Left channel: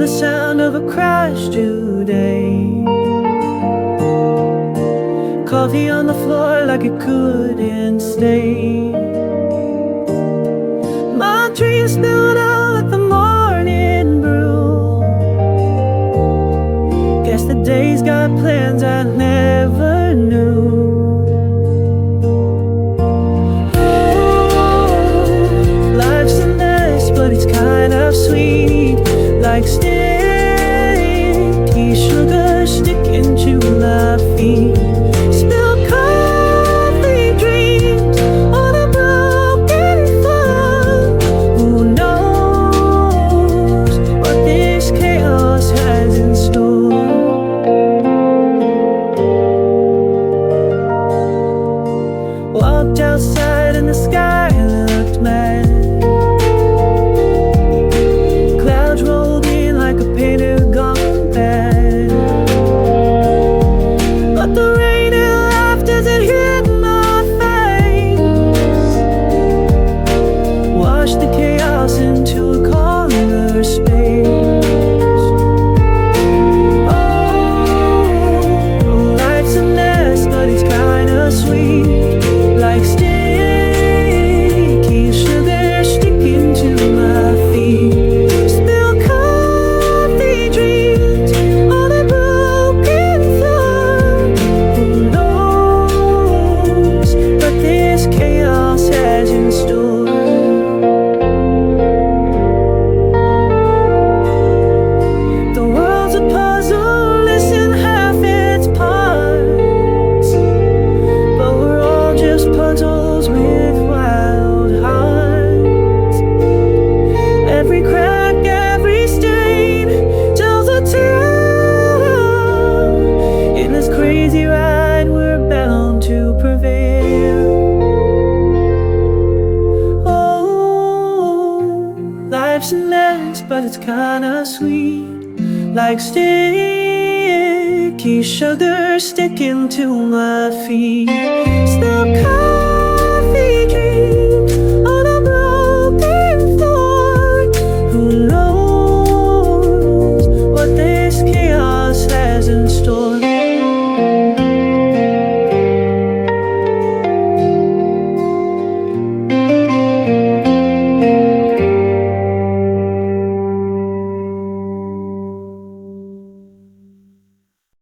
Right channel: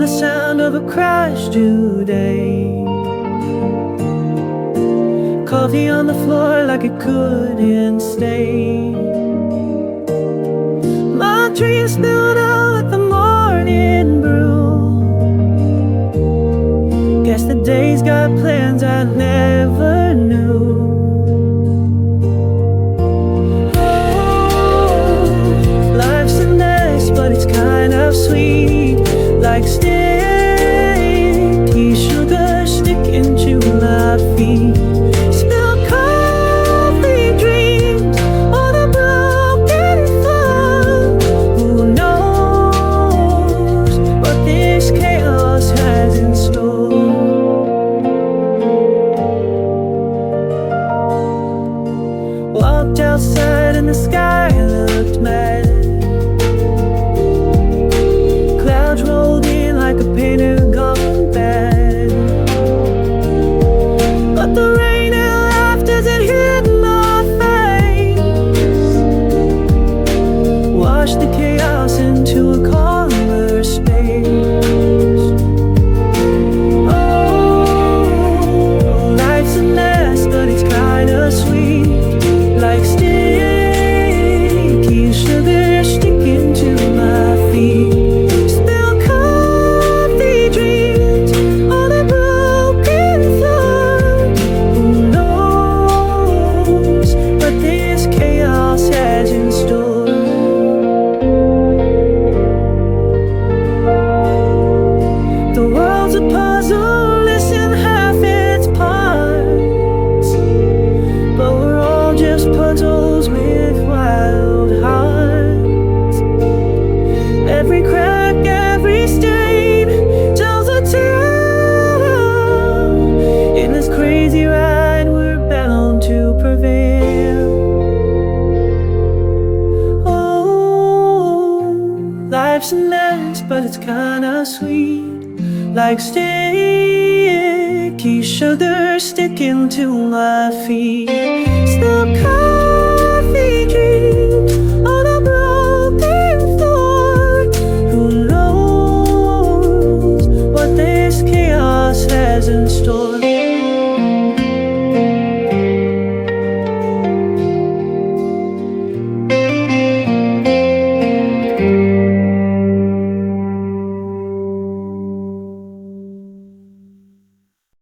the sound of a crash today. Coffee on the floor like it couldn't stay. My tree is spilled out at the morning brew. Guess the day's got plans I never knew. Oh, life's a mess, but it's kind of sweet, like sticky sugar sticking to my feet. Spilled coffee dreams on a broken thumb. Who knows what this chaos has in store? Walked outside and the sky looked mad. Clouds rolled in like a painter gone bad. But the rain and laughter as it hit my face washed the chaos into a calmer space. Oh, life's a mess, but it's kinda sweet, like sticky sugar sticking to my feet. Spilled coffee dreams on a broken thumb. Who knows what this chaos has in store? The world's a puzzle, listen half its parts, but we're all just puzzles with wild hearts. Every crack, every stain tells a tale. In this crazy ride, we're bound to prevail. Oh, life's a mess, but it's kinda sweet, like sticky sugar sticking to my feet. Still coffee dreams on a broken floor. Who knows what this chaos has in store?